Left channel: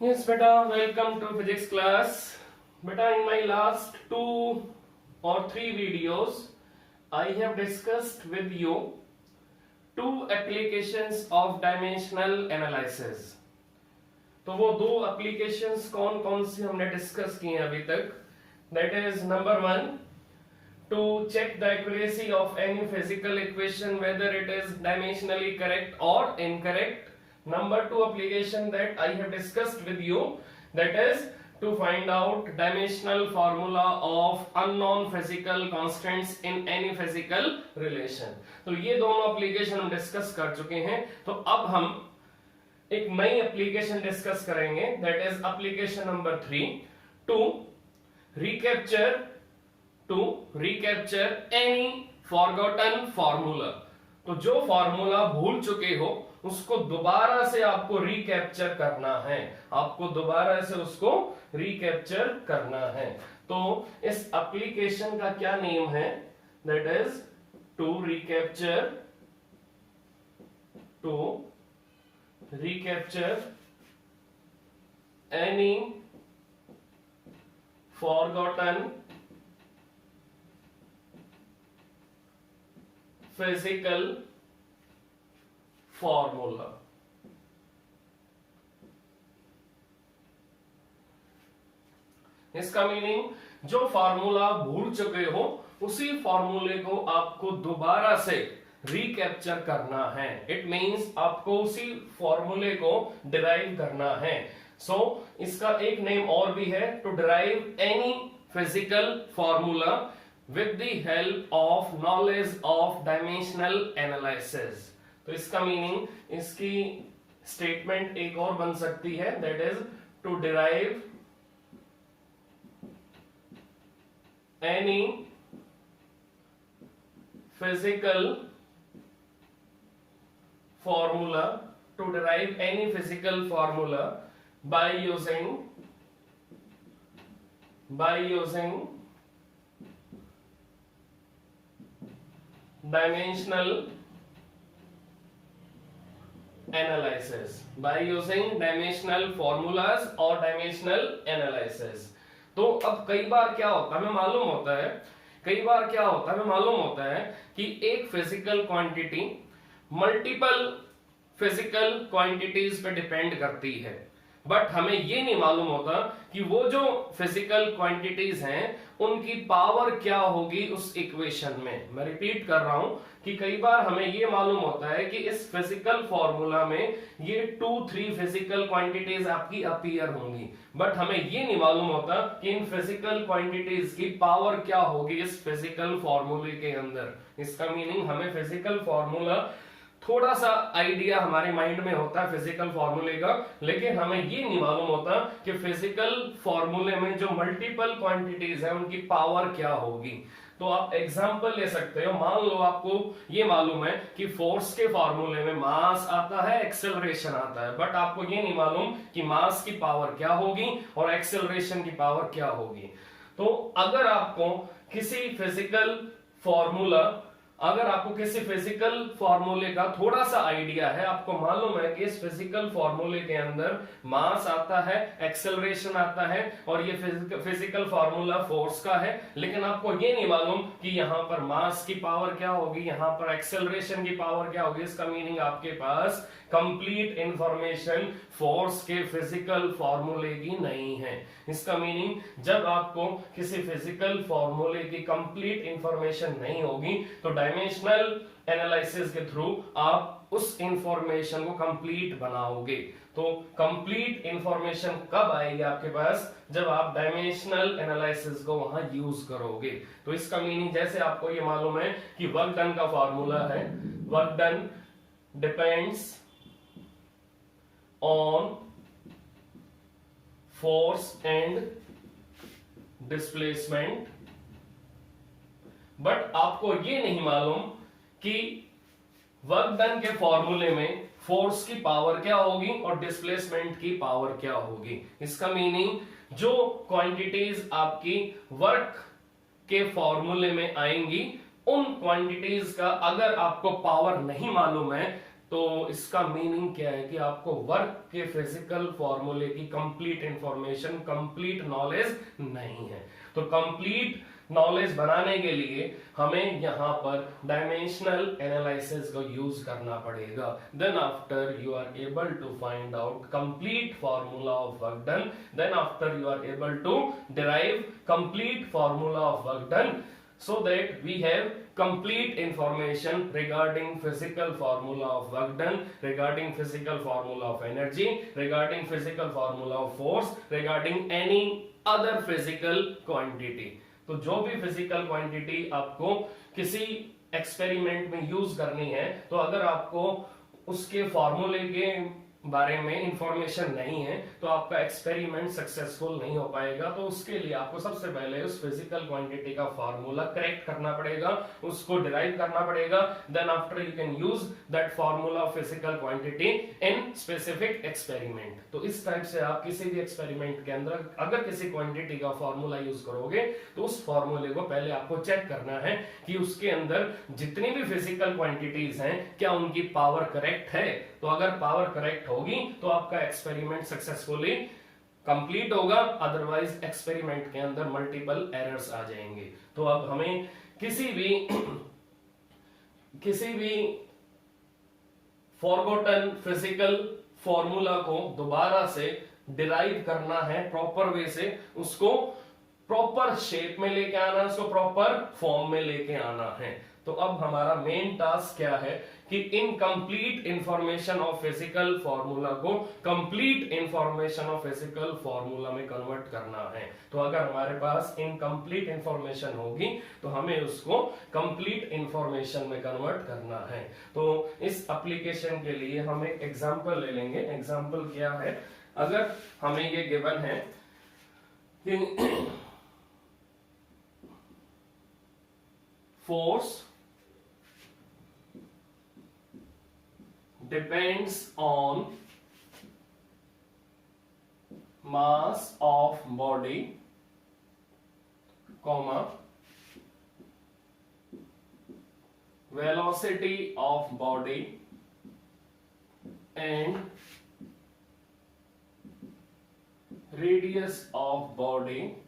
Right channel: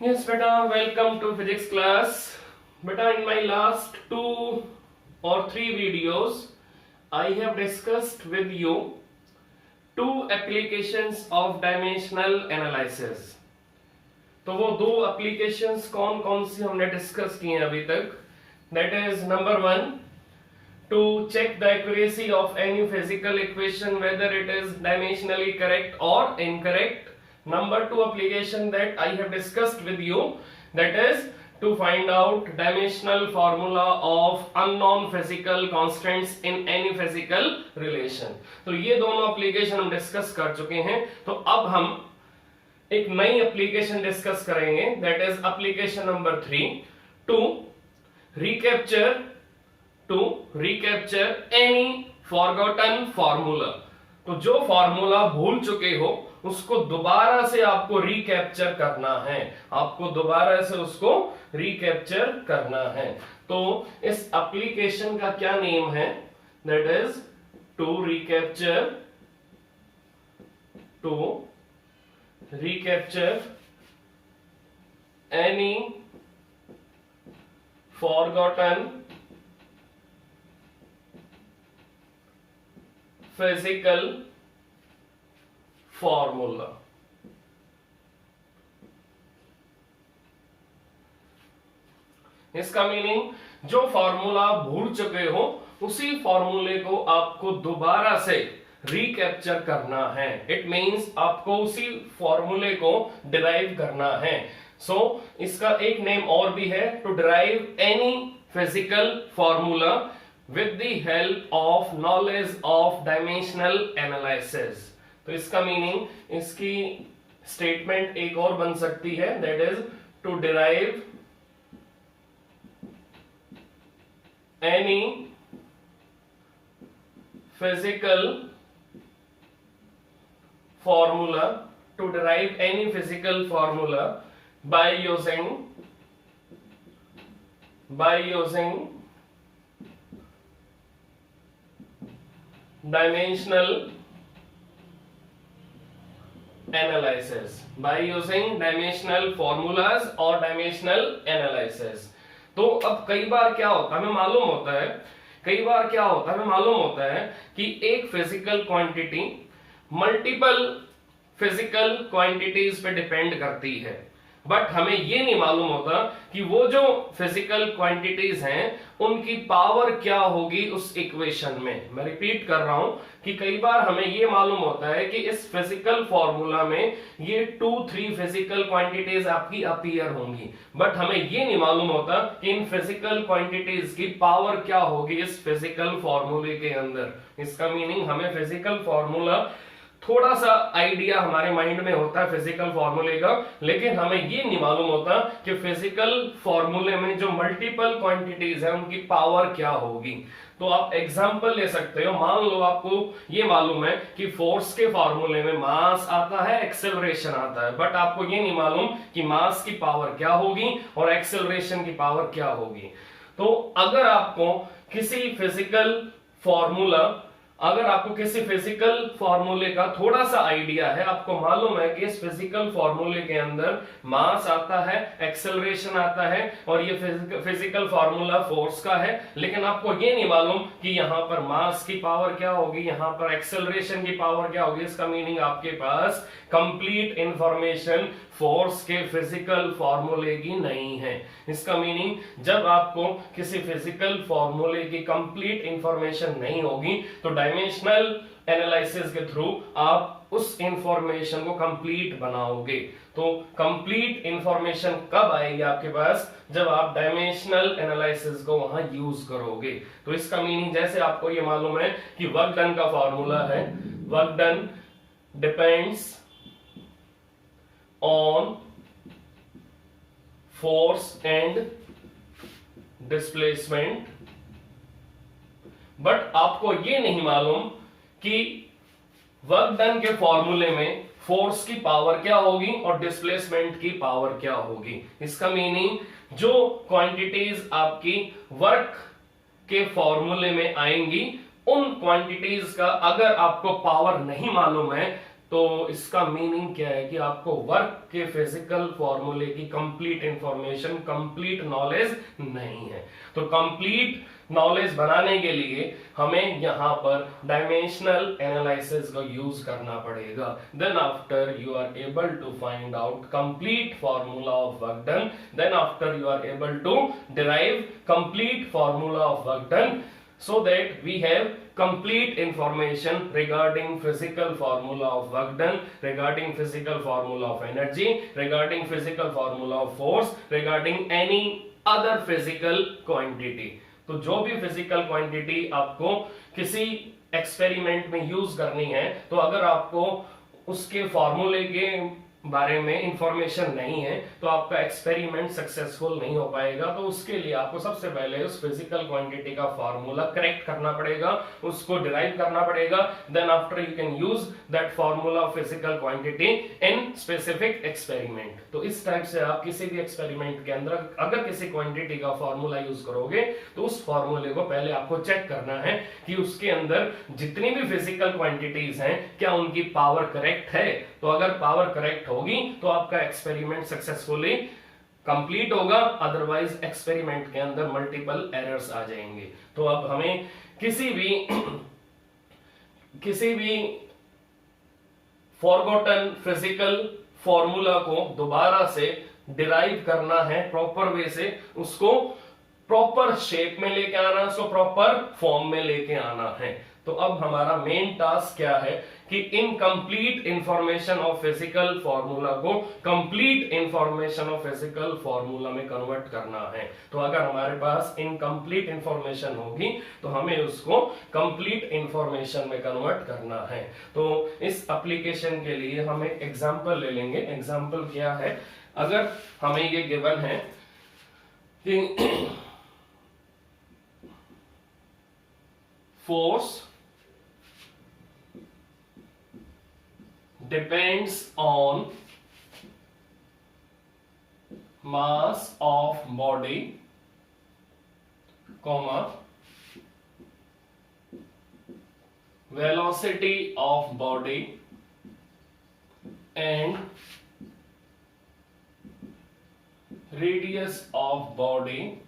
Yes, beta, welcome to physics class. Beta, in my last 2 or 3 videos, I have discussed with you 2 applications of dimensional analysis. तो वो 2 applications कौन कौन सी हमने discuss की हैं अभी तक. That is number 1, to check the accuracy of any physical equation whether it is dimensionally correct or incorrect. Number 2 application that I have discussed with you, that is to find out dimensional formula of unknown physical constants in any physical relation. तो ये दोनों application हम discuss कर चुके हैं. तो अब हम एक नई एप्लीकेशन डिस्कस करेंगे, that is application number 3, to recapture any forgotten formula. तो जो फॉर्मूला भूल चुके हो उसको दोबारा से आपको रिकैप्चर करना है, आपको दोबारा से उसको रिकैप्चर करना है. तो इस एप्लीकेशन का क्या नेम है, that is to recapture any forgotten physical formula. इसका मीनिंग जो फॉर्मूला भूल चुके हो उसी फॉर्मूले को आपको दोबारा से रिकैप्चर करना है. इट मींस आपको उसी फॉर्मूले को डिराइव करना है. सो इसका एक नेम और भी है, to derive any physical formula with the help of knowledge of dimensional analysis. तो इसका मीनिंग, इसकी स्टेटमेंट एक और बन सकती है, that is to derive any physical formula by using dimensional analysis, by using dimensional formulas or dimensional analysis. तो अब कई बार क्या होता है हमें मालूम होता है कि एक physical quantity multiple physical quantities पे डिपेंड करती है, बट हमें ये नहीं मालूम होता कि वो जो फिजिकल क्वांटिटीज हैं उनकी पावर क्या होगी उस इक्वेशन में. मैं रिपीट कर रहा हूं कि कई बार हमें ये मालूम होता है कि इस फिजिकल फॉर्मूला में ये 2-3 फिजिकल क्वांटिटीज आपकी अपीयर होंगी, बट हमें ये नहीं मालूम होता कि इन फिजिकल क्वांटिटीज की पावर क्या होगी इस फिजिकल फॉर्मूले के अंदर. इसका मीनिंग हमें फिजिकल फॉर्मूला थोड़ा सा आइडिया हमारे माइंड में होता है फिजिकल फॉर्मूले का, लेकिन हमें ये नहीं मालूम होता कि फिजिकल फॉर्मूले में जो मल्टीपल क्वांटिटीज है उनकी पावर क्या होगी. तो आप एग्जांपल ले सकते हो. मान लो आपको ये मालूम है कि फोर्स के फॉर्मूले में मास आता है, एक्सेलरेशन आता है, बट आपको ये नहीं मालूम कि मास की पावर क्या होगी और एक्सेलरेशन की पावर क्या होगी. तो अगर आपको किसी फिजिकल फॉर्मूले का थोड़ा सा आइडिया है, आपको मालूम है कि इस फिजिकल फॉर्मूले के अंदर मास आता है, एक्सेलरेशन आता है और ये फिजिकल फॉर्मूला फोर्स का है, लेकिन आपको ये नहीं मालूम कि यहां पर मास की पावर क्या होगी, यहां पर एक्सेलरेशन की पावर क्या होगी. इसका मीनिंग आपके पास कंप्लीट इंफॉर्मेशन फोर्स के फिजिकल फॉर्मूले की नहीं है. इसका मीनिंग जब आपको किसी फिजिकल फॉर्मूले की कंप्लीट इंफॉर्मेशन नहीं होगी तो डायमेंशनल एनालिसिस के थ्रू आप उस इंफॉर्मेशन को कंप्लीट बनाओगे. तो कंप्लीट इंफॉर्मेशन कब आएगी आपके पास, जब आप डायमेंशनल एनालिसिस को वहां यूज करोगे. तो इसका मीनिंग, जैसे आपको ये मालूम है कि वर्क डन का फॉर्मूला है, work done depends on force and displacement, but आपको ये नहीं मालूम कि वर्क डन के फॉर्मूले में फोर्स की पावर क्या होगी और डिस्प्लेसमेंट की पावर क्या होगी. इसका मीनिंग, जो क्वांटिटीज आपकी वर्क के फॉर्मूले में आएंगी उन क्वांटिटीज का अगर आपको पावर नहीं मालूम है तो इसका मीनिंग क्या है कि आपको वर्क के फिजिकल फॉर्मूले की कंप्लीट इंफॉर्मेशन, कंप्लीट नॉलेज नहीं है। तो कंप्लीट नॉलेज बनाने के लिए हमें यहाँ पर डायमेंशनल एनालिसिस का यूज करना पड़ेगा। Then after you are able to find out complete formula of work done, then after you are able to derive complete formula of work done, so that we have complete information regarding physical formula of work done, regarding physical formula of energy, regarding physical formula of force, regarding any other physical quantity। तो जो भी physical quantity आपको किसी experiment में use करनी है, तो अगर आपको उसके फॉर्मूले के बारे में इंफॉर्मेशन नहीं है तो आपका एक्सपेरिमेंट सक्सेसफुल नहीं हो पाएगा। तो उसके लिए आपको सबसे पहले उस फिजिकल क्वांटिटी का फॉर्मूला करेक्ट करना पड़ेगा, उसको डिराइव करना पड़ेगा। Then after you can use that formula of physical quantity in specific experiment. तो इस टाइप से आप किसी भी एक्सपेरिमेंट के अंदर अगर किसी क्वांटिटी का फॉर्मूला यूज करोगे तो उस फॉर्मूले को पहले आपको चेक करना है कि उसके अंदर जितनी भी फिजिकल क्वांटिटीज हैं क्या उनकी पावर करेक्ट है। तो अगर पावर करेक्ट होगी तो आपका एक्सपेरिमेंट सक्सेसफुली कंप्लीट होगा, अदरवाइज एक्सपेरिमेंट के अंदर मल्टीपल एरर्स आ जाएंगे। तो अब हमें किसी भी फॉरगॉटन फिजिकल फॉर्मूला को दोबारा से डिराइव करना है प्रॉपर वे से, उसको प्रॉपर शेप में लेके आना, उसको प्रॉपर फॉर्म में लेके आना है। तो अब हमारा मेन टास्क क्या है कि incomplete information of physical formula को complete information of physical formula में कन्वर्ट करना है। तो अगर हमारे पास इनकम्प्लीट इंफॉर्मेशन होगी तो हमें उसको कंप्लीट इंफॉर्मेशन में कन्वर्ट करना है। तो इस एप्लीकेशन के लिए हम एक एग्जांपल ले लेंगे। एग्जांपल क्या है, अगर हमें ये गिवन है कि force depends on mass of body, comma, velocity of body and radius of body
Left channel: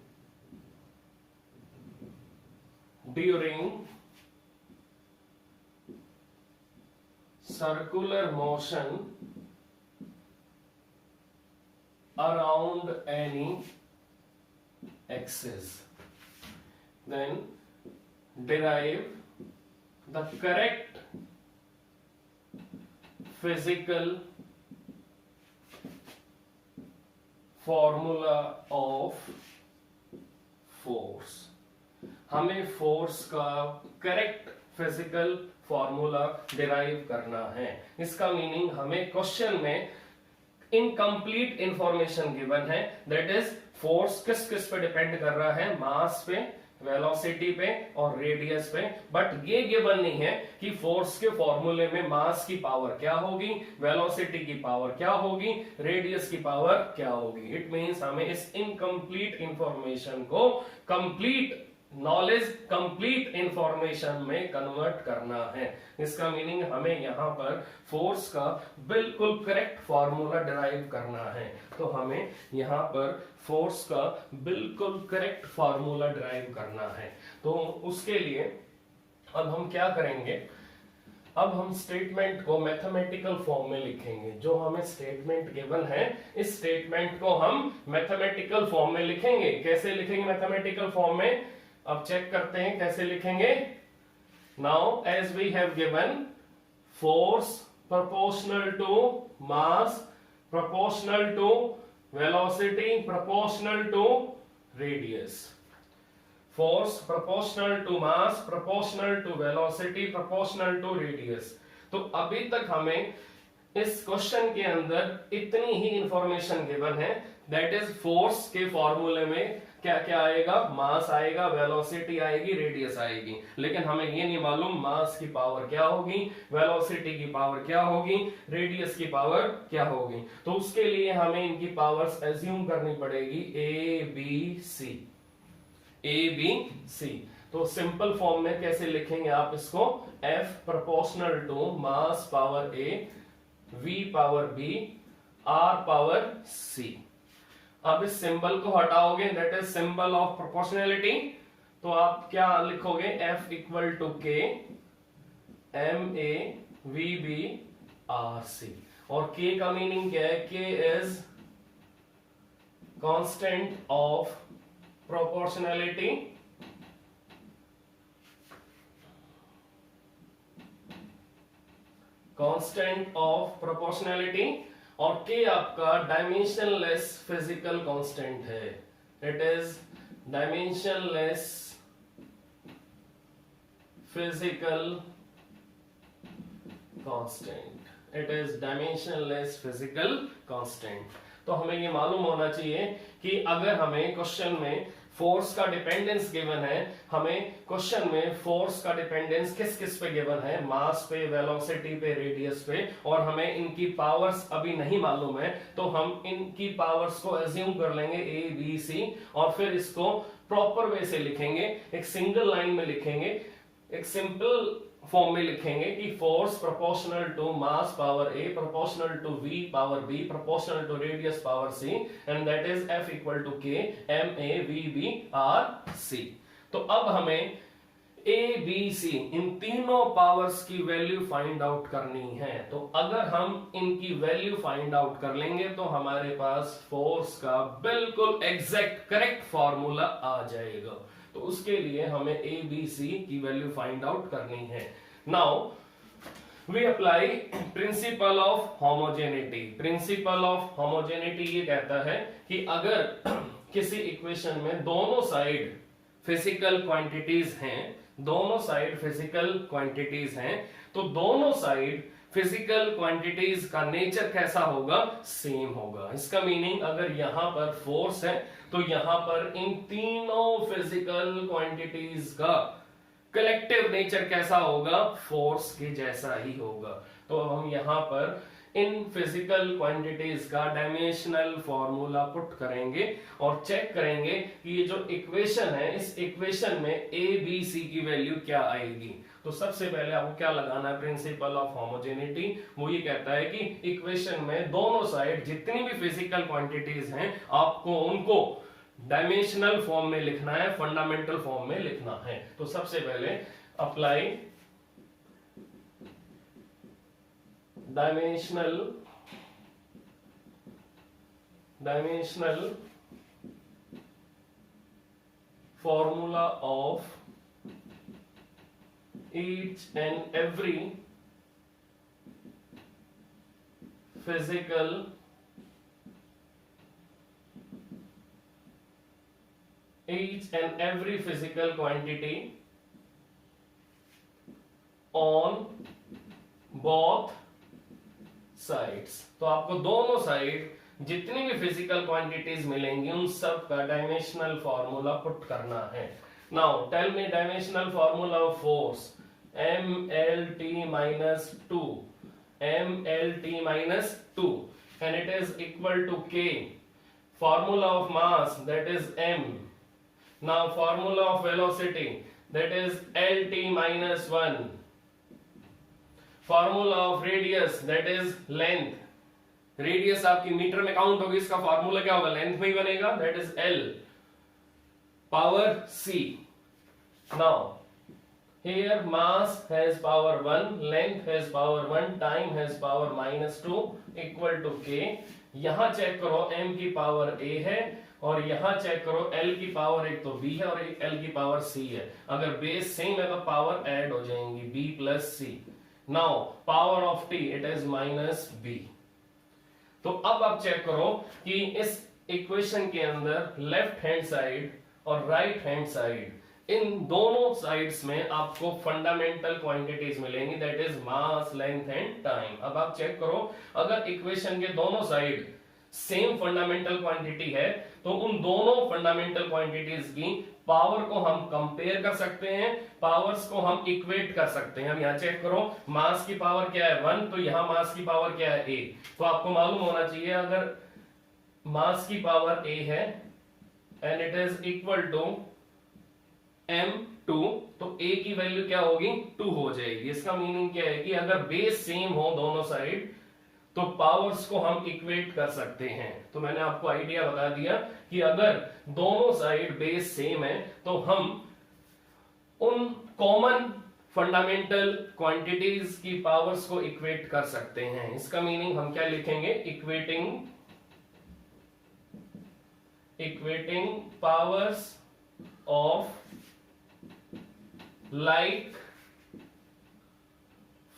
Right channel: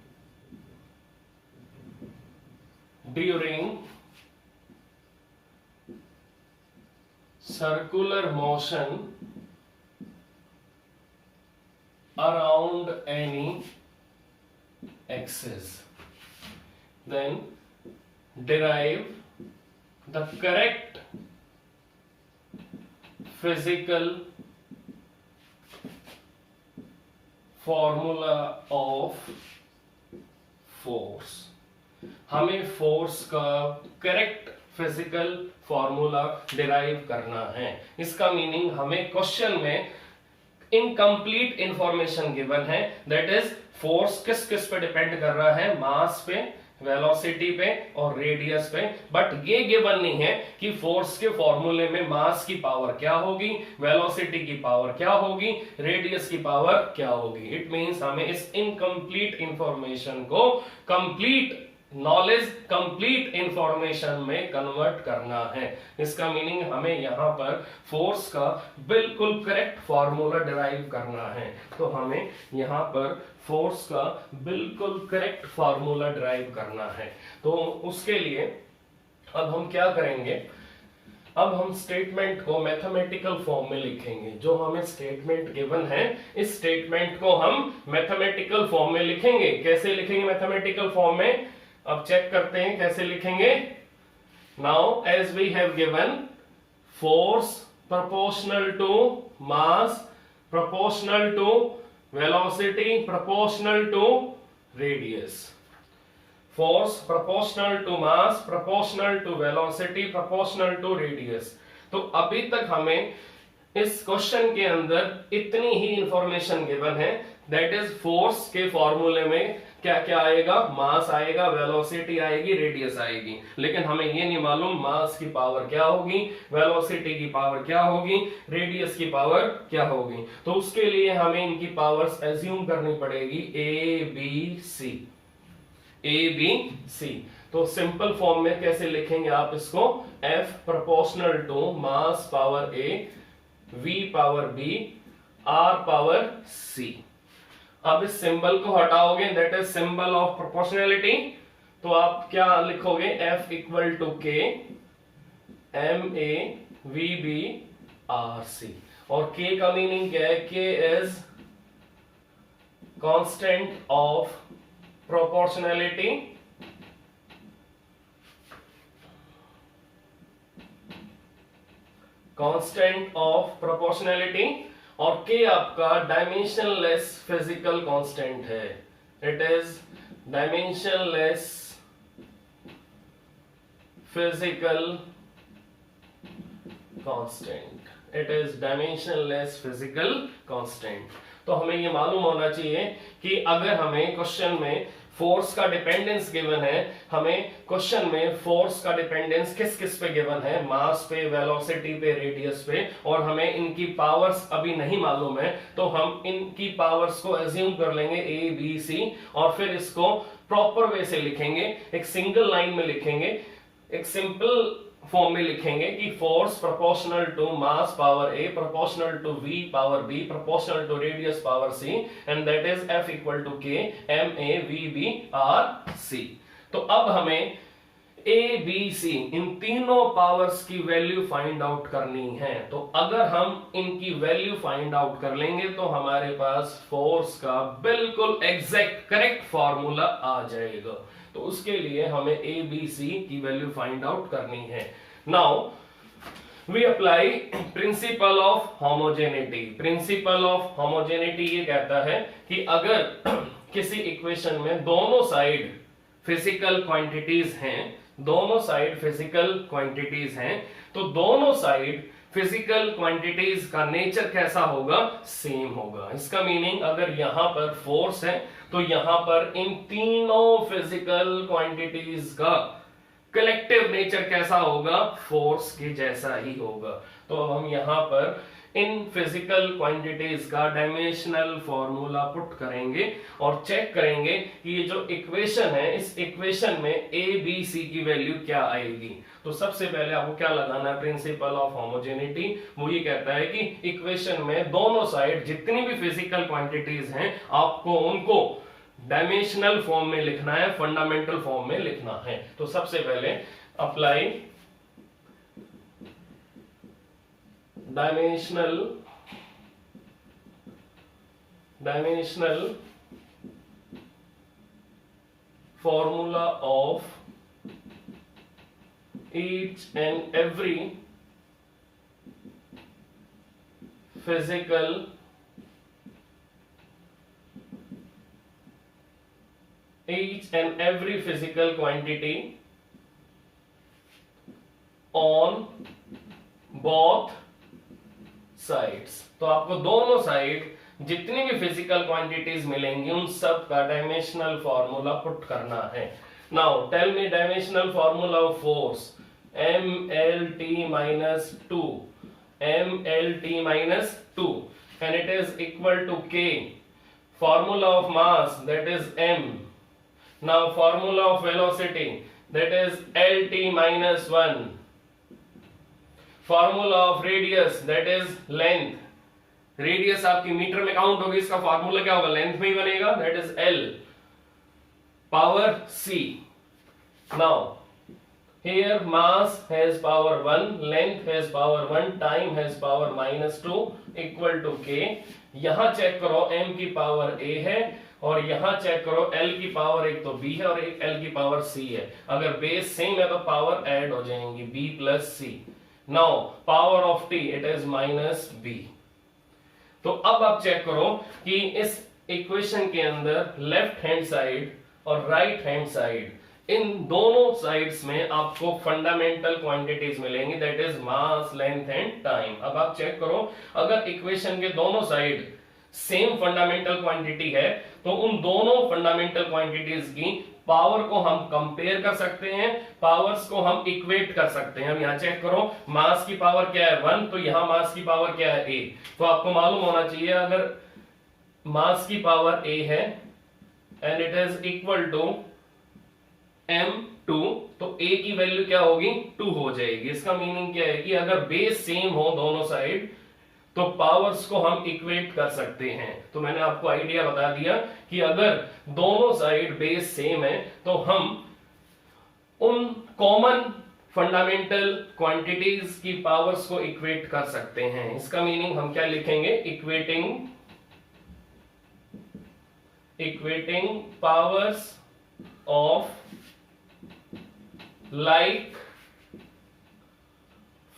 during circular motion around any axis, then derive the correct physical formula of force। हमें फोर्स का correct physical formula derive करना है। इसका meaning हमें question में incomplete information given है, that is force किस किस पे डिपेंड कर रहा है, मास पे, वेलोसिटी पे और रेडियस पे, बट ये गिवन नहीं है कि फोर्स के फॉर्मूले में मास की पावर क्या होगी, वेलोसिटी की पावर क्या होगी, रेडियस की पावर क्या होगी। इट मींस हमें इस इनकम्प्लीट इंफॉर्मेशन को कंप्लीट नॉलेज, कंप्लीट इंफॉर्मेशन में कन्वर्ट करना है। इसका मीनिंग हमें यहां पर फोर्स का बिल्कुल करेक्ट फॉर्मूला डिराइव करना है। तो हमें यहां पर फोर्स का बिल्कुल करेक्ट फॉर्मूला डिराइव करना है। तो उसके लिए अब हम क्या करेंगे, अब हम स्टेटमेंट को मैथमेटिकल फॉर्म में लिखेंगे। जो हमें स्टेटमेंट गिवन है, इस स्टेटमेंट को हम मैथमेटिकल फॉर्म में लिखेंगे। कैसे लिखेंगे मैथमेटिकल फॉर्म में, अब चेक करते हैं कैसे लिखेंगे। Now as we have given force proportional to mass, proportional to velocity, proportional to radius. Force proportional to mass, proportional to velocity, proportional to radius. तो अभी तक हमें इस क्वेश्चन के अंदर इतनी ही इंफॉर्मेशन गिवन है, दैट इज फोर्स के फॉर्मूले में क्या क्या आएगा, मास आएगा, वेलोसिटी आएगी, रेडियस आएगी, लेकिन हमें ये नहीं मालूम मास की पावर क्या होगी, वेलोसिटी की पावर क्या होगी, रेडियस की पावर क्या होगी। तो उसके लिए हमें इनकी पावर्स एज्यूम करनी पड़ेगी, ए बी सी। तो सिंपल फॉर्म में कैसे लिखेंगे आप इसको, F proportional to mass power A, V power B, R power C। अब इस सिंबल को हटाओगे, that is symbol of proportionality, तो आप क्या लिखोगे, F equal to K MA VB RC। और K का मीनिंग क्या है, K is constant of proportionality, constant of proportionality, और K आपका डायमेंशनलेस फिजिकल कांस्टेंट है। It is dimensionless physical constant, it is dimensionless physical constant. तो हमें ये मालूम होना चाहिए कि अगर हमें क्वेश्चन में फोर्स का डिपेंडेंस गिवन है, हमें क्वेश्चन में फोर्स का डिपेंडेंस किस किस पे गिवन है, मास पे, वेलोसिटी पे, रेडियस पे, और हमें इनकी पावर्स अभी नहीं मालूम है, तो हम इनकी पावर्स को एज्यूम कर लेंगे A B C, और फिर इसको प्रॉपर वे से लिखेंगे, एक सिंगल लाइन में लिखेंगे, एक सिंपल फॉर्म में लिखेंगे कि force proportional to mass power A proportional to V power B proportional to radius power C, and that is F equal to K MA VB RC। तो अब हमें A B C इन तीनों powers की value find out करनी है। तो अगर हम इनकी वैल्यू फाइंड आउट कर लेंगे तो हमारे पास फोर्स का बिल्कुल एग्जैक्ट करेक्ट फॉर्मूला आ जाएगा। तो उसके लिए हमें A B C की वैल्यू फाइंड आउट करनी है। Now we apply principle of homogeneity. Principle of homogeneity ये कहता है कि अगर किसी इक्वेशन में दोनों साइड फिजिकल क्वांटिटीज हैं, दोनों साइड फिजिकल क्वांटिटीज हैं, तो दोनों साइड फिजिकल क्वांटिटीज का नेचर कैसा होगा, सेम होगा। इसका मीनिंग अगर यहां पर फोर्स है तो यहां पर इन तीनों फिजिकल क्वांटिटीज का कलेक्टिव नेचर कैसा होगा, फोर्स के जैसा ही होगा। तो हम यहां पर इन फिजिकल क्वांटिटीज का डायमेंशनल फॉर्मूला पुट करेंगे और चेक करेंगे कि ये जो इक्वेशन है, इस इक्वेशन में ए बी सी की वैल्यू क्या आएगी। तो सबसे पहले आपको क्या लगाना है, प्रिंसिपल ऑफ होमोजेनिटी। वो ये कहता है कि इक्वेशन में दोनों साइड जितनी भी फिजिकल क्वांटिटीज हैं आपको उनको डायमेंशनल फॉर्म में लिखना है, फंडामेंटल फॉर्म में लिखना है। तो सबसे पहले apply dimensional formula of each and every physical quantity on both sides. तो आपको दोनों साइड जितनी भी फिजिकल क्वांटिटीज मिलेंगी उन सब का डायमेंशनल फॉर्मूला पुट करना है। Now tell me dimensional formula of force, mlt minus 2 and it is equal to k, formula of mass that is m, now formula of velocity that is lt minus 1, formula of radius that is length, radius आपकी metre में count होगी, इसका formula क्या होगा, length में ही बनेगा, that is L power सी। Now here mass has power 1, length has power 1, time has power -2 equal to K. यहां चेक करो m की पावर a है और यहां चेक करो l की पावर एक तो b है और एक l की पावर c है। अगर बेस सेम है तो पावर ऐड हो जाएंगी b plus c। Now power of t it is -b। तो अब आप चेक करो कि इस इक्वेशन के अंदर लेफ्ट हैंड साइड और राइट हैंड साइड, इन दोनों साइड्स में आपको फंडामेंटल क्वांटिटीज मिलेंगी, that is mass, length and time. अब आप चेक करो अगर इक्वेशन के दोनों साइड सेम फंडामेंटल क्वांटिटी है तो उन दोनों फंडामेंटल क्वांटिटीज की पावर को हम कंपेयर कर सकते हैं, पावर्स को हम इक्वेट कर सकते हैं। अब यहां चेक करो मास की पावर क्या है 1, तो यहां मास की पावर क्या है a। तो आपको मालूम होना चाहिए अगर मास की पावर a है and it is equal to m2, तो a की वैल्यू क्या होगी 2 हो जाएगी। इसका मीनिंग क्या है कि अगर बेस सेम हो दोनों साइड तो पावर्स को हम इक्वेट कर सकते हैं। तो मैंने आपको आइडिया बता दिया कि अगर दोनों साइड बेस सेम है तो हम उन कॉमन फंडामेंटल क्वांटिटीज की पावर्स को इक्वेट कर सकते हैं। इसका मीनिंग हम क्या लिखेंगे, equating powers of like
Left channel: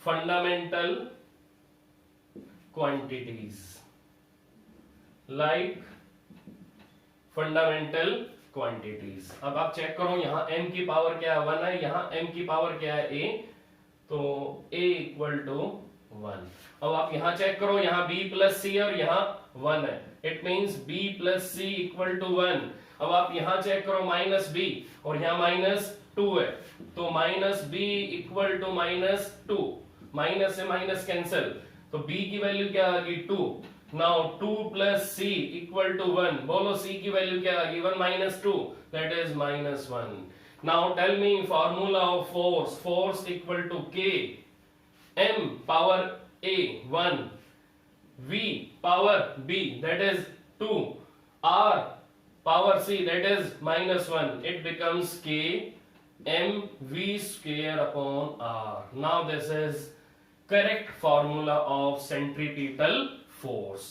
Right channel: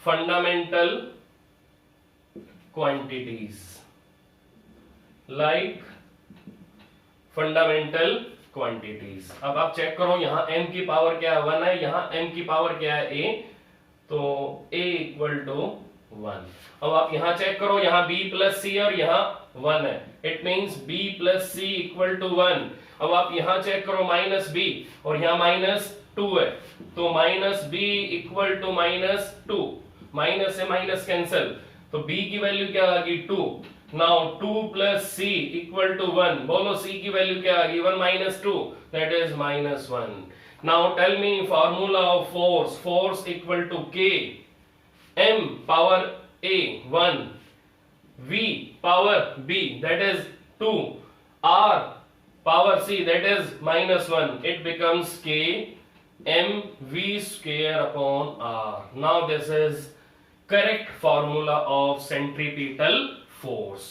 fundamental quantities, like fundamental quantities. अब आप चेक करो, यहां m की पावर क्या है 1 है, यहां m की पावर क्या है a, तो a इक्वल टू 1। अब आप यहां चेक करो, यहां b प्लस c और यहां 1 है, it means b plus c equal to 1। अब आप यहां चेक करो माइनस b और यहां माइनस 2 है, तो minus b equal to minus 2, minus से माइनस कैंसिल, तो b की वैल्यू क्या आ गई 2। Now 2 plus c equal to 1, बोलो c की वैल्यू क्या आ गई 1 minus 2, that is minus 1। Now tell me formula of force, force equal to k, m power a 1, v power b that is 2, r power c that is minus 1, it becomes k m v square upon r। Now this is correct formula of centripetal force.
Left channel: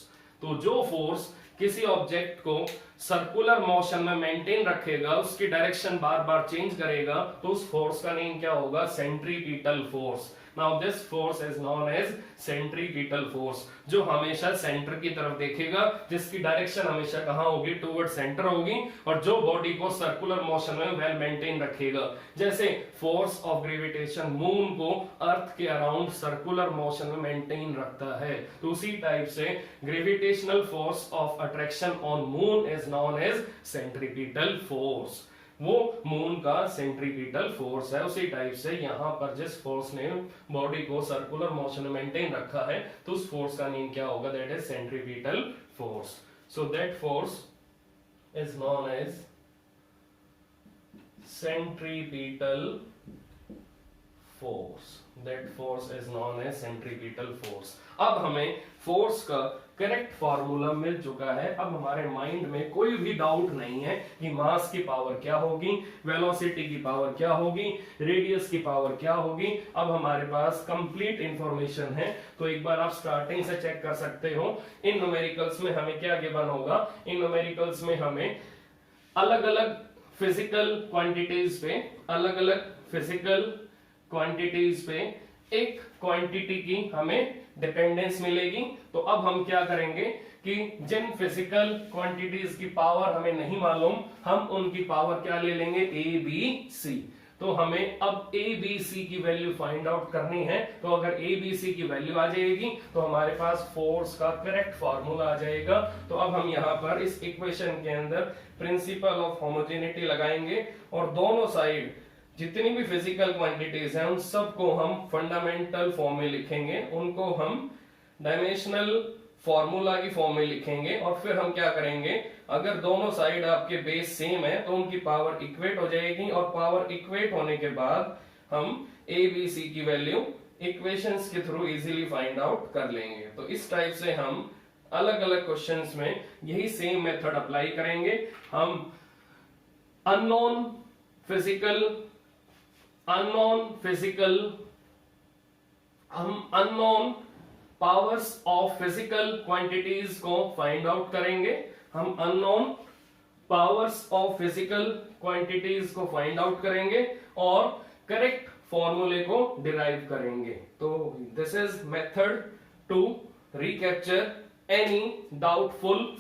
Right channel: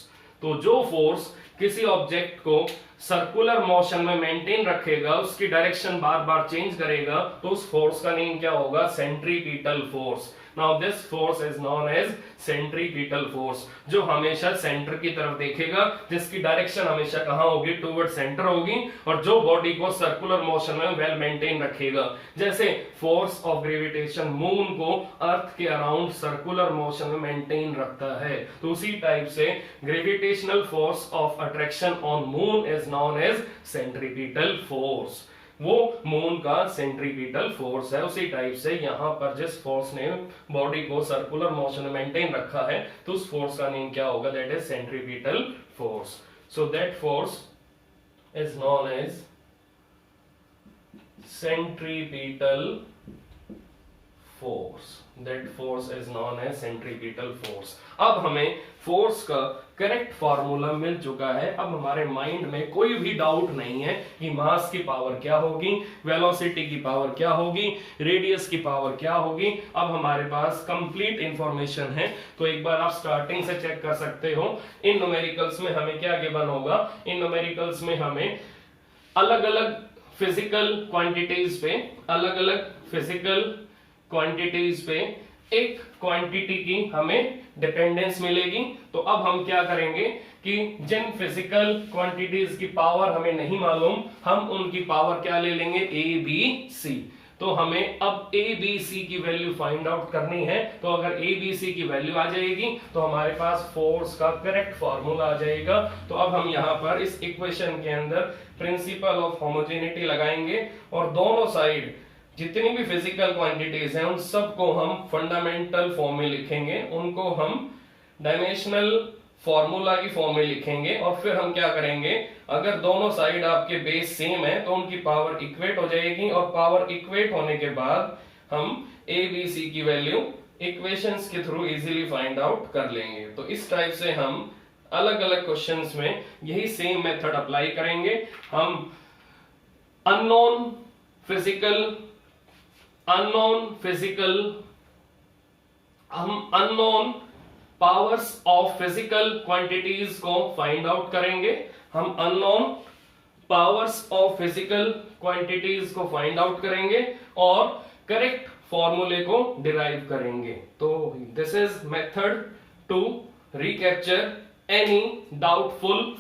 तो जो force किसी object को circular motion में maintain रखेगा, उसकी direction बार बार change करेगा, तो उस फोर्स का नेम क्या होगा, centripetal force. Now this force is known as centripetal force, जो हमेशा सेंटर की तरफ देखेगा, जिसकी डायरेक्शन हमेशा कहां होगी, टुवर्ड सेंटर होगी, और जो बॉडी को सर्कुलर मोशन में वेल मेंटेन रखेगा। जैसे फोर्स ऑफ ग्रेविटेशन मून को अर्थ के अराउंड सर्कुलर मोशन में मेंटेन रखता है, तो उसी टाइप से gravitational force of attraction on moon is known as centripetal force. वो मून का सेंट्रीपिटल फोर्स है। उसी टाइप से यहां पर जिस फोर्स ने बॉडी को सर्कुलर मोशन में मेंटेन रखा है, तो उस फोर्स का नेम क्या होगा, that is centripetal force. So that force is known as centripetal force, that force is known as centripetal force। अब हमें फोर्स का करेक्ट फॉर्मूला मिल चुका है। अब हमारे माइंड में कोई भी डाउट नहीं है कि मास की पावर क्या होगी, वेलोसिटी की पावर क्या होगी, रेडियस की पावर क्या होगी। अब हमारे पास कंप्लीट इंफॉर्मेशन है। तो एक बार आप स्टार्टिंग से चेक कर सकते हो, इन न्यूमेरिकल्स में हमें क्या गिवन होगा, इन न्यूमेरिकल्स में हमें अलग अलग फिजिकल क्वांटिटीज पे, अलग अलग फिजिकल क्वांटिटीज पे एक क्वांटिटी की हमें डिपेंडेंस मिलेगी। तो अब हम क्या करेंगे कि जिन फिजिकल क्वांटिटीज की पावर हमें नहीं मालूम, हम उनकी पावर क्या ले लेंगे, ए बी सी। तो हमें अब ए बी सी की वैल्यू फाइंड आउट करनी है। तो अगर ए बी सी की वैल्यू आ जाएगी तो हमारे पास फोर्स का करेक्ट फॉर्मूला आ जाएगा। तो अब हम यहाँ पर इस इक्वेशन के अंदर प्रिंसिपल ऑफ होमोजेनिटी लगाएंगे और दोनों साइड जितनी भी फिजिकल क्वांटिटीज हैं उन सबको हम फंडामेंटल फॉर्म में लिखेंगे, उनको हम डायमेंशनल फॉर्मूला की फॉर्म में लिखेंगे। और फिर हम क्या करेंगे, अगर दोनों साइड आपके बेस सेम है तो उनकी पावर इक्वेट हो जाएगी, और पावर इक्वेट होने के बाद हम ए बी सी की वैल्यू इक्वेशंस के थ्रू इजीली फाइंड आउट कर लेंगे। तो इस टाइप से हम अलग अलग क्वेश्चंस में यही सेम मेथड अप्लाई करेंगे। हम unknown powers of physical quantities को फाइंड आउट करेंगे। हम unknown powers of physical quantities को फाइंड आउट करेंगे और करेक्ट फॉर्मूले को डिराइव करेंगे। तो this is method to recapture any doubtful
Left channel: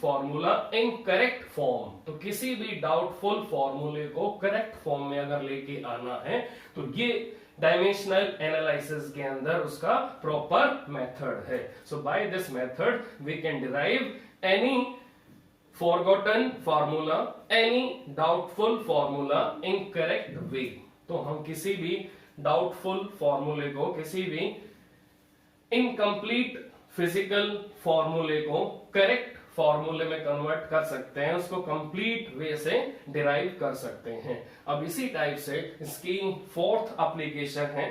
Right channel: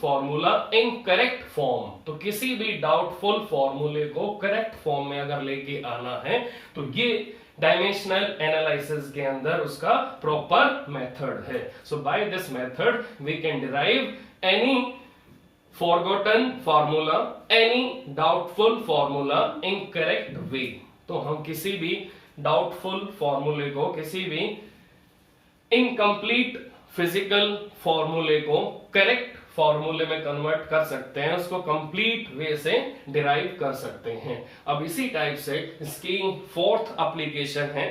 formula, in correct form. तो किसी भी डाउटफुल फॉर्मूले को करेक्ट फॉर्म में अगर लेके आना है तो ये डायमेंशनल एनालिसिस के अंदर उसका प्रॉपर मेथड है। So by this method we can derive any forgotten formula, any doubtful formula in correct way. तो हम किसी भी डाउटफुल फॉर्मूले को, किसी भी इनकम्प्लीट फिजिकल फॉर्मूले को करेक्ट फॉर्मूले में कन्वर्ट कर सकते हैं, उसको कंप्लीट वे से डिराइव कर सकते हैं। अब इसी टाइप से इसकी फोर्थ एप्लीकेशन है,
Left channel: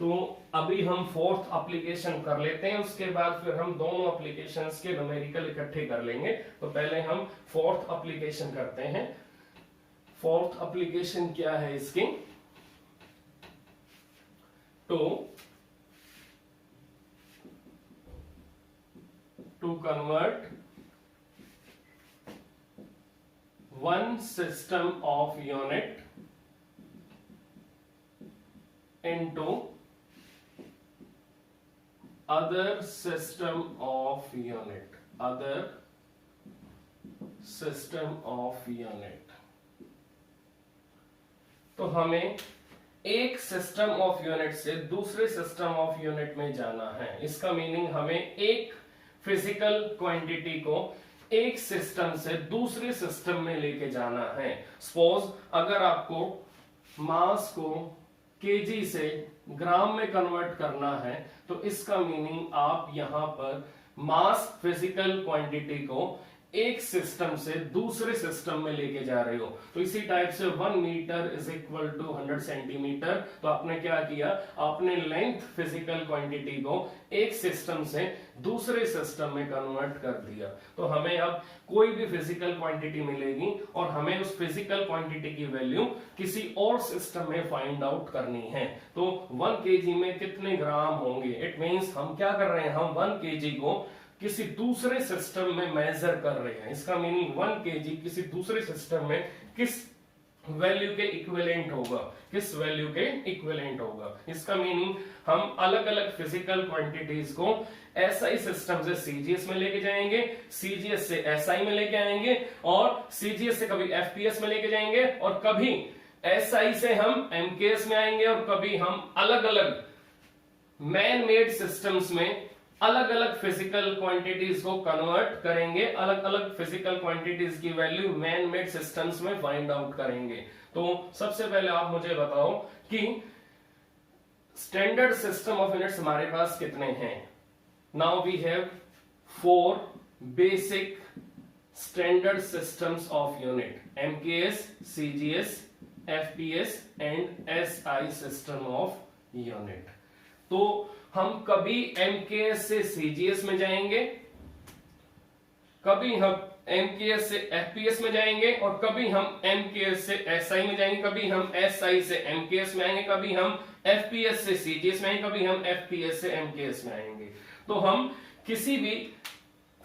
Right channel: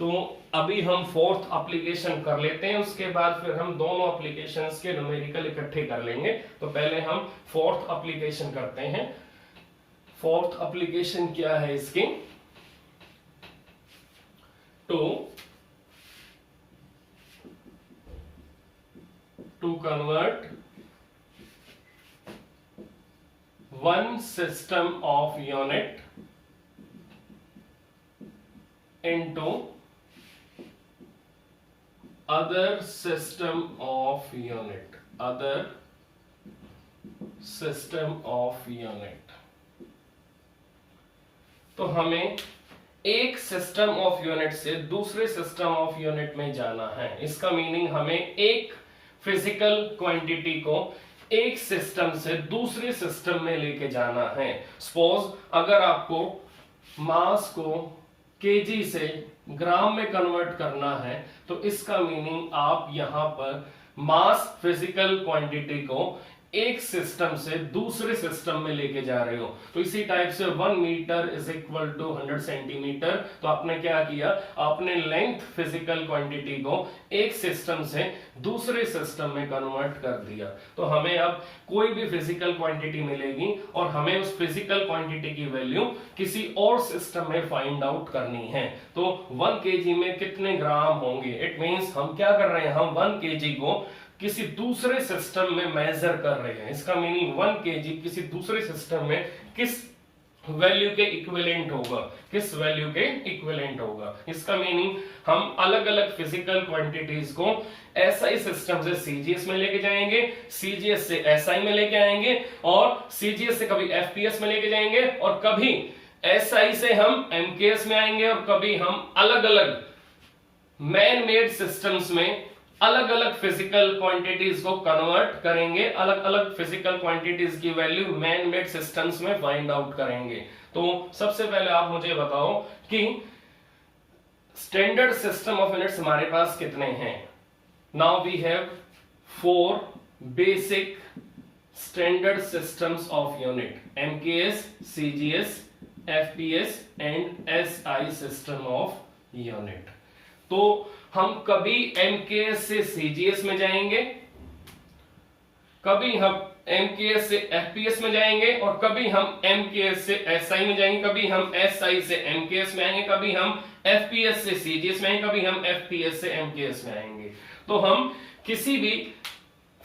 तो अभी हम फोर्थ एप्लीकेशन कर लेते हैं, उसके बाद फिर हम दोनों एप्लीकेशंस के न्यूमेरिकल इकट्ठे कर लेंगे। तो पहले हम फोर्थ एप्लीकेशन करते हैं। फोर्थ एप्लीकेशन क्या है इसकी, to convert one system of unit into other system of unit, other system of unit। तो हमें एक सिस्टम ऑफ यूनिट से दूसरे सिस्टम ऑफ यूनिट में जाना है। इसका मीनिंग हमें एक फिजिकल क्वांटिटी को एक सिस्टम से दूसरे सिस्टम में लेके जाना है। सपोज अगर आपको मास को केजी से ग्राम में कन्वर्ट करना है, तो इसका मीनिंग आप यहां पर मास फिजिकल क्वांटिटी को एक सिस्टम से दूसरे सिस्टम में लेके जा रहे हो। तो इसी टाइप से 1 metre is equal to 100 centimetre. तो आपने क्या किया, आपने लेंथ फिजिकल क्वांटिटी को एक सिस्टम से दूसरे सिस्टम में कन्वर्ट कर दिया। तो हमें अब कोई भी फिजिकल क्वांटिटी मिलेगी और हमें उस फिजिकल क्वांटिटी की वैल्यू किसी और सिस्टम में फाइंड आउट करनी है। तो 1 केजी में कितने ग्राम होंगे, इट मींस हम क्या कर रहे हैं, हम 1 केजी को किसी दूसरे सिस्टम में मेजर कर रहे हैं। इसका मीनिंग 1 केजी किसी दूसरे सिस्टम में किस वैल्यू के इक्विवेलेंट होगा, किस वैल्यू के इक्विवेलेंट होगा। इसका मीनिंग हम अलग अलग फिजिकल क्वांटिटीज को एसआई सिस्टम से सीजीएस में लेके जाएंगे, सीजीएस से एसआई में लेके आएंगे, और सीजीएस से कभी एफपीएस में लेके जाएंगे, और कभी एसआई से हम एमकेएस में आएंगे, और कभी हम अलग अलग मैन मेड सिस्टम्स में अलग अलग फिजिकल क्वांटिटीज को कन्वर्ट करेंगे, अलग अलग फिजिकल क्वांटिटीज की वैल्यू मैन मेड सिस्टम्स में फाइंड आउट करेंगे। तो सबसे पहले आप मुझे बताओ कि स्टैंडर्ड सिस्टम ऑफ यूनिट्स हमारे पास कितने हैं। Now we have 4 basic standard systems of unit, MKS, CGS, FPS and SI system of unit. तो हम कभी एमकेएस से सीजीएस में जाएंगे, कभी हम एमकेएस से एफपीएस में जाएंगे, और कभी हम एमकेएस से एसआई में जाएंगे, कभी हम एसआई से एमकेएस में आएंगे, कभी हम एफपीएस से सीजीएस में आएंगे, कभी हम एफपीएस से एमकेएस में आएंगे। तो हम किसी भी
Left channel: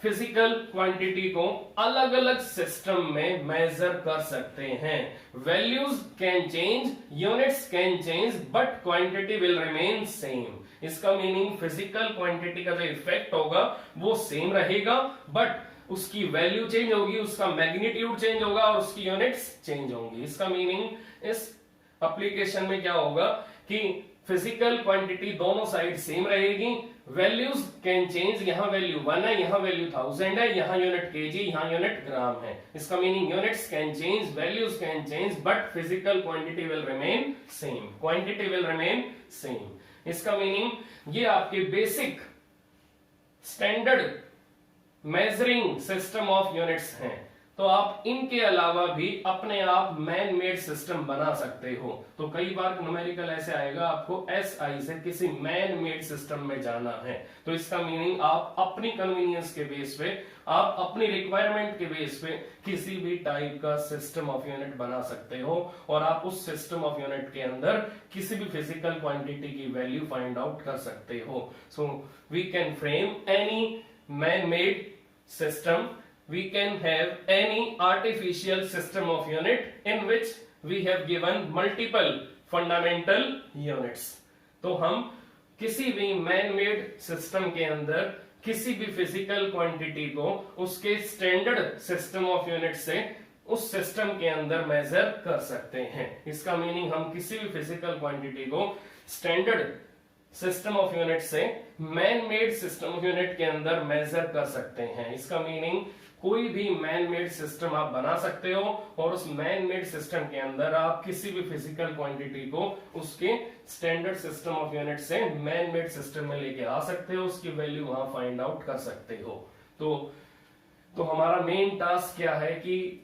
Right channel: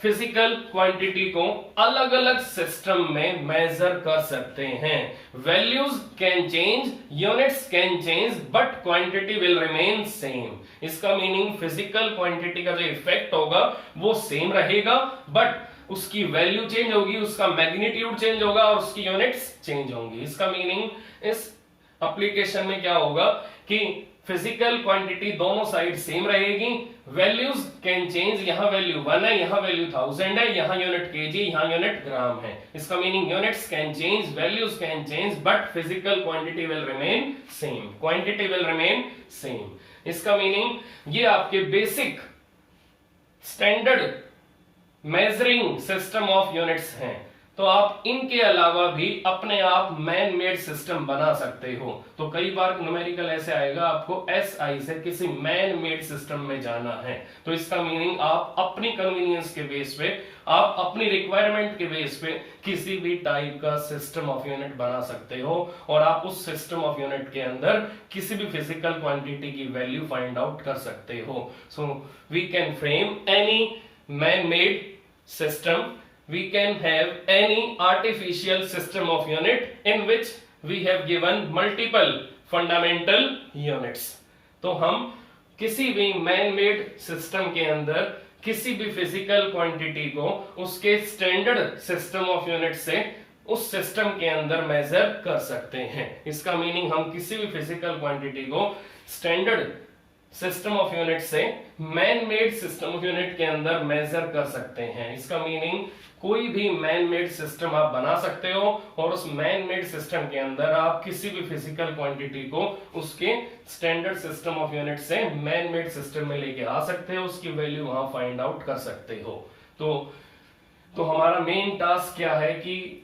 फिजिकल क्वांटिटी को अलग अलग सिस्टम में मेजर कर सकते हैं। Values can change, units can change, but quantity will remain same. इसका मीनिंग फिजिकल क्वांटिटी का जो इफेक्ट होगा वो सेम रहेगा, बट उसकी वैल्यू चेंज होगी, उसका मैग्नीट्यूड चेंज होगा, और उसकी यूनिट्स चेंज होंगी। इसका मीनिंग इस एप्लीकेशन में क्या होगा कि फिजिकल क्वांटिटी दोनों साइड सेम रहेगी, वैल्यूज कैन चेंज, यहां वैल्यू 1 है, यहां वैल्यू 1000 है, यहां यूनिट केजी, यहां यूनिट ग्राम है। इसका meaning units can change, values can change, but physical quantity will remain same, quantity will remain same. इसका मीनिंग ये आपके basic standard measuring system of units हैं। तो आप इनके अलावा भी अपने आप मैन मेड सिस्टम बना सकते हो। तो कई बार न्यूमेरिकल ऐसे आएगा आपको एसआई से किसी मैन मेड सिस्टम में जाना है, तो इसका मीनिंग आप अपनी कन्वीनियंस के बेस पे, आप अपनी रिक्वायरमेंट के बेस पे किसी भी टाइप का सिस्टम ऑफ यूनिट बना सकते हो, और आप उस सिस्टम ऑफ यूनिट के अंदर किसी भी फिजिकल क्वांटिटी की वैल्यू फाइंड आउट कर सकते हो। So we can frame any man made system, we can have any artificial system of unit in which we have given multiple fundamental units। तो हम किसी भी मैन मेड सिस्टम के अंदर किसी भी फिजिकल क्वांटिटी को उसके स्टैंडर्ड सिस्टम ऑफ यूनिट से उस सिस्टम के अंदर मेजर कर सकते हैं। इसका मीनिंग हम किसी भी फिजिकल क्वांटिटी को स्टैंडर्ड सिस्टम ऑफ यूनिट से man made system of unit के अंदर मेजर कर सकते हैं। इसका मीनिंग कोई भी मैन मेड सिस्टम आप बना सकते हो, और उस मैन मेड सिस्टम के अंदर आप किसी भी फिजिकल क्वांटिटी को उसके स्टैंडर्ड सिस्टम ऑफ यूनिट से मैन मेड सिस्टम में लेके आ सकते हो, उसकी वैल्यू वहां फाइंड आउट कर सकते हो। तो तो हमारा मेन टास्क क्या है कि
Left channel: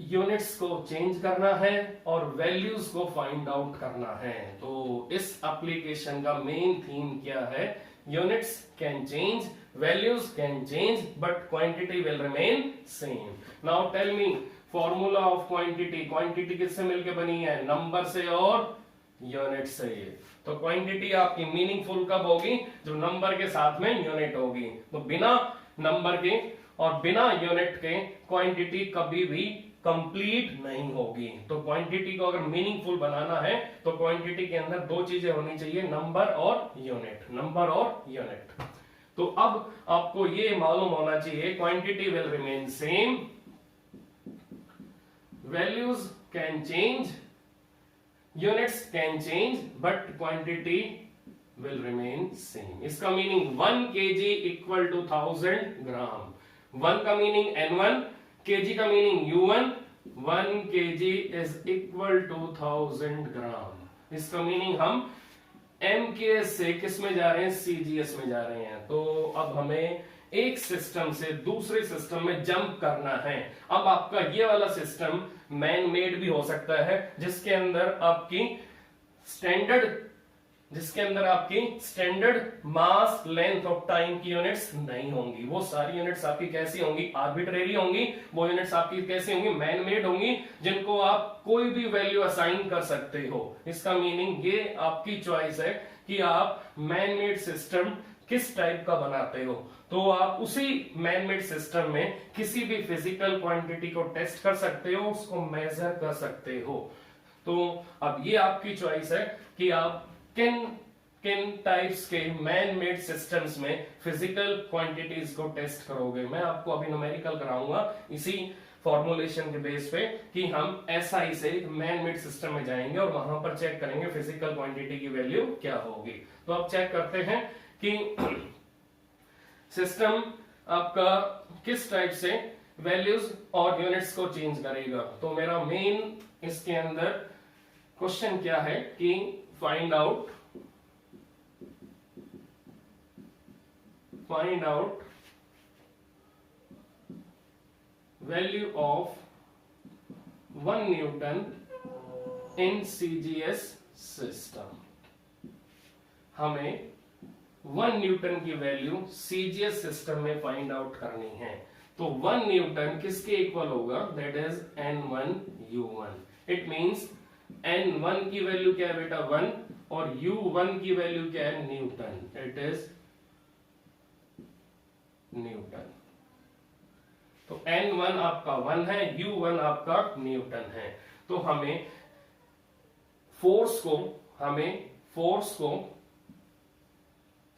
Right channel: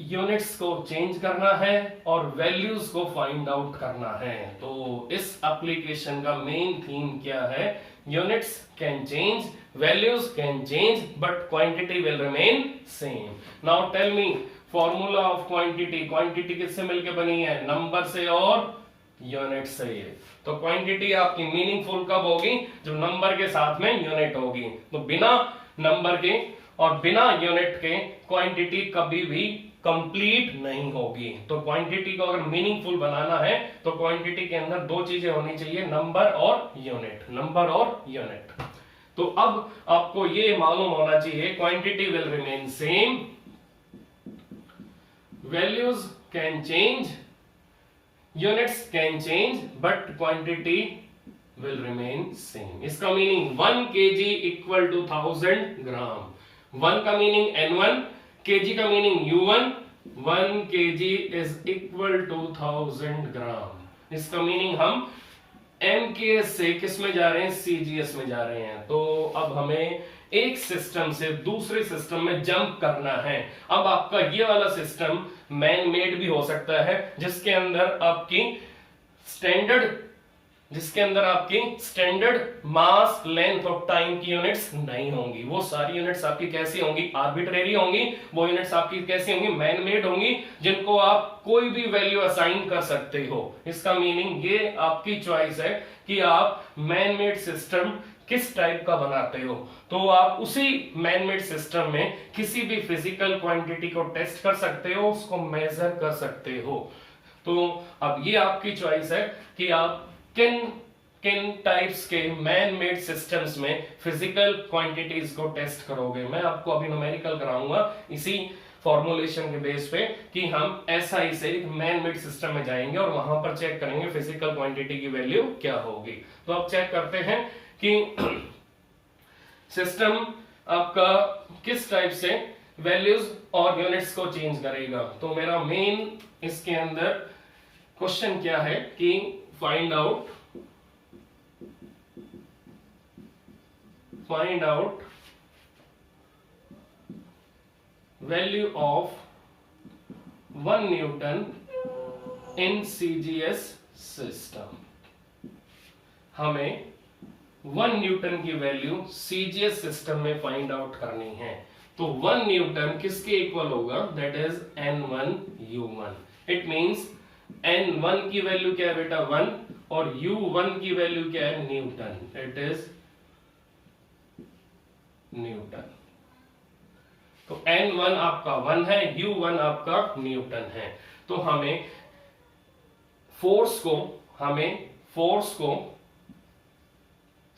यूनिट्स को चेंज करना है और वैल्यूज को फाइंड आउट करना है। तो इस एप्लीकेशन का मेन थीम क्या है? Units can change, values can change, but quantity will remain same. Now tell me formula of quantity. Quantity किससे मिलकर बनी है? नंबर से और यूनिट से। तो क्वांटिटी आपकी मीनिंगफुल कब होगी? जो नंबर के साथ में यूनिट होगी। तो बिना नंबर के और बिना यूनिट के क्वांटिटी कभी भी कंप्लीट नहीं होगी। तो क्वांटिटी को अगर मीनिंगफुल बनाना है तो क्वांटिटी के अंदर दो चीजें होनी चाहिए, नंबर और यूनिट। नंबर और यूनिट। तो अब आपको ये मालूम होना चाहिए quantity will remain same, values can change, units can change, but quantity will remain same. इसका meaning 1 kg equal to 1000 gram. 1 का मीनिंग N1, kg का meaning U1। 1 kg is equal to 1000 gram. इसका मीनिंग हम MKS से किस में जा रहे हैं? CGS में जा रहे हैं। तो अब हमें एक सिस्टम से दूसरे सिस्टम में जंप करना है। अब आपका ये वाला सिस्टम मैन मेड भी हो सकता है, जिसके अंदर आपकी standard mass length of time की यूनिट्स नहीं होंगी। वो सारी यूनिट्स आपकी कैसी होंगी? आर्बिट्रेरी होंगी। वो यूनिट्स आपकी कैसी होंगी? मैन मेड होंगी, जिनको आप कोई भी वैल्यू असाइन कर सकते हो। इसका मीनिंग ये आपकी चॉइस है कि आप मैन मेड सिस्टम किस टाइप का बनाते हो। तो आप उसी मैन मेड सिस्टम में किसी भी फिजिकल क्वांटिटी को टेस्ट कर सकते हो, उसको मेजर कर सकते हो। तो अब ये आपकी चॉइस है कि आप किन टाइप्स के मैन मेड सिस्टम्स में फिजिकल क्वांटिटीज को टेस्ट करोगे। मैं आपको अभी न्यूमेरिकल कराऊंगा इसी फॉर्मुलेशन के बेस पे कि हम SI से एक मैन मेड सिस्टम में जाएंगे और वहां पर चेक करेंगे फिजिकल क्वांटिटी की वैल्यू क्या होगी। तो आप चेक करते हैं कि सिस्टम आपका किस टाइप से वैल्यूज और यूनिट्स को चेंज करेगा। तो मेरा मेन इसके अंदर क्वेश्चन क्या है कि find out value of 1 Newton in CGS system. हमें 1 न्यूटन की वैल्यू CGS सिस्टम में फाइंड आउट करनी है। तो 1 न्यूटन किसके इक्वल होगा? That is N1 U1। It means N1 की वैल्यू क्या है बेटा? 1 और U1 की वैल्यू क्या है? न्यूटन। It is Newton. तो N1 आपका 1 है, U1 आपका न्यूटन है। तो हमें फोर्स को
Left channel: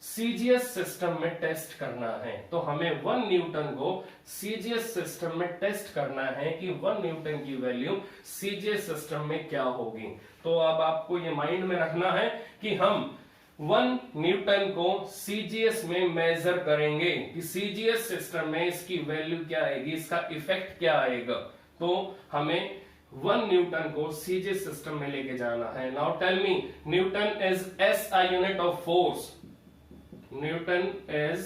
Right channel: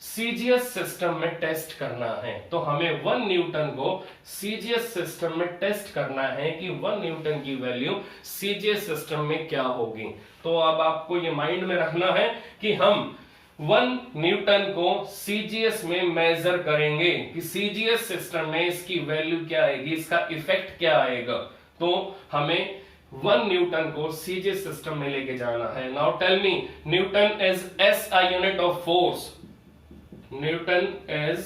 CGS सिस्टम में टेस्ट करना है। तो हमें 1 न्यूटन को CGS सिस्टम में टेस्ट करना है कि 1 न्यूटन की वैल्यू CGS सिस्टम में क्या होगी। तो अब आपको ये माइंड में रखना है कि हम 1 न्यूटन को CGS में मेजर करेंगे कि CGS सिस्टम में इसकी वैल्यू क्या आएगी, इसका इफेक्ट क्या आएगा। तो हमें 1 न्यूटन को CGS सिस्टम में लेके जाना है। Now tell me, newton is SI unit of force. Newton is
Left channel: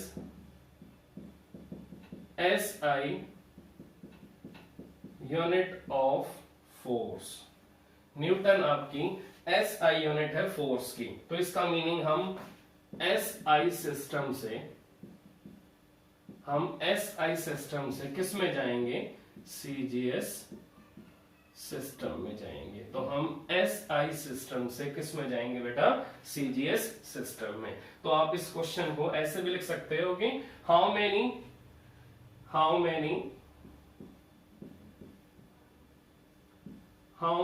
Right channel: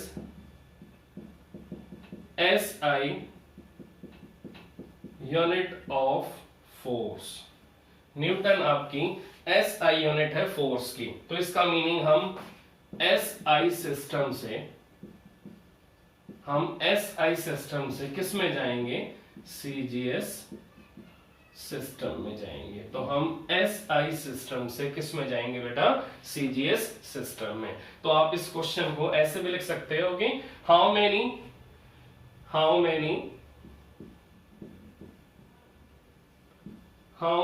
SI unit of force. Newton आपकी SI यूनिट है फोर्स की। तो इसका मीनिंग हम SI सिस्टम से किस में जाएंगे? CGS सिस्टम में जाएंगे। तो हम SI सिस्टम से किस में जाएंगे बेटा? CGS सिस्टम में। तो आप इस क्वेश्चन को ऐसे भी लिख सकते हो कि how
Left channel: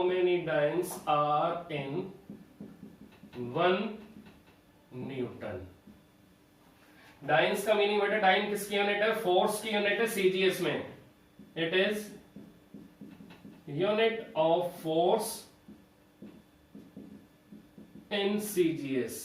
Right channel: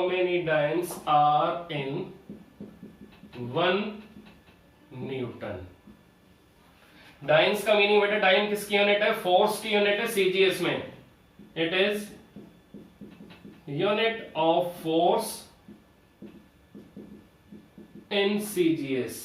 many dynes are in 1 newton. Dynes का मीनिंग बेटा, डायन किसकी यूनिट है? फोर्स की यूनिट है CGS में। It is unit of force in CGS।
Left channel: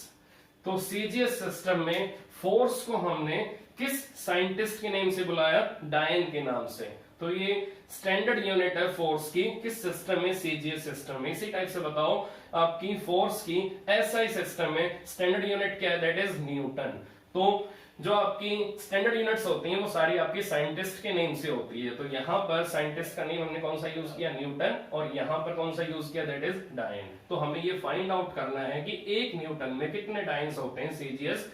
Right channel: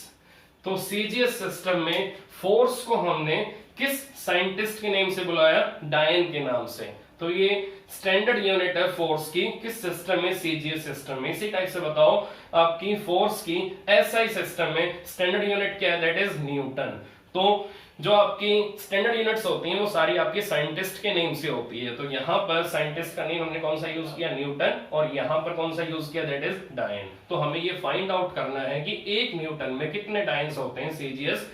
तो CGS सिस्टम में फोर्स को हमने किस साइंटिस्ट के नेम से बुलाया? डायन के नाम से। तो ये स्टैंडर्ड यूनिट है फोर्स की किस सिस्टम में? CGS सिस्टम में। इसी टाइप से बताओ आपकी फोर्स की SI सिस्टम में स्टैंडर्ड यूनिट क्या है? That is Newton. तो जो आपकी स्टैंडर्ड यूनिट्स होती हैं वो सारी आपके साइंटिस्ट के नेम से होती है। तो यहाँ पर साइंटिस्ट का नेम हमने कौन सा यूज किया, न्यूटन, और यहाँ पर कौन सा यूज किया, दैट इज डायन। तो हमें ये फाइंड आउट करना है कि एक न्यूटन में कितने डायन्स होते हैं, सीजीएस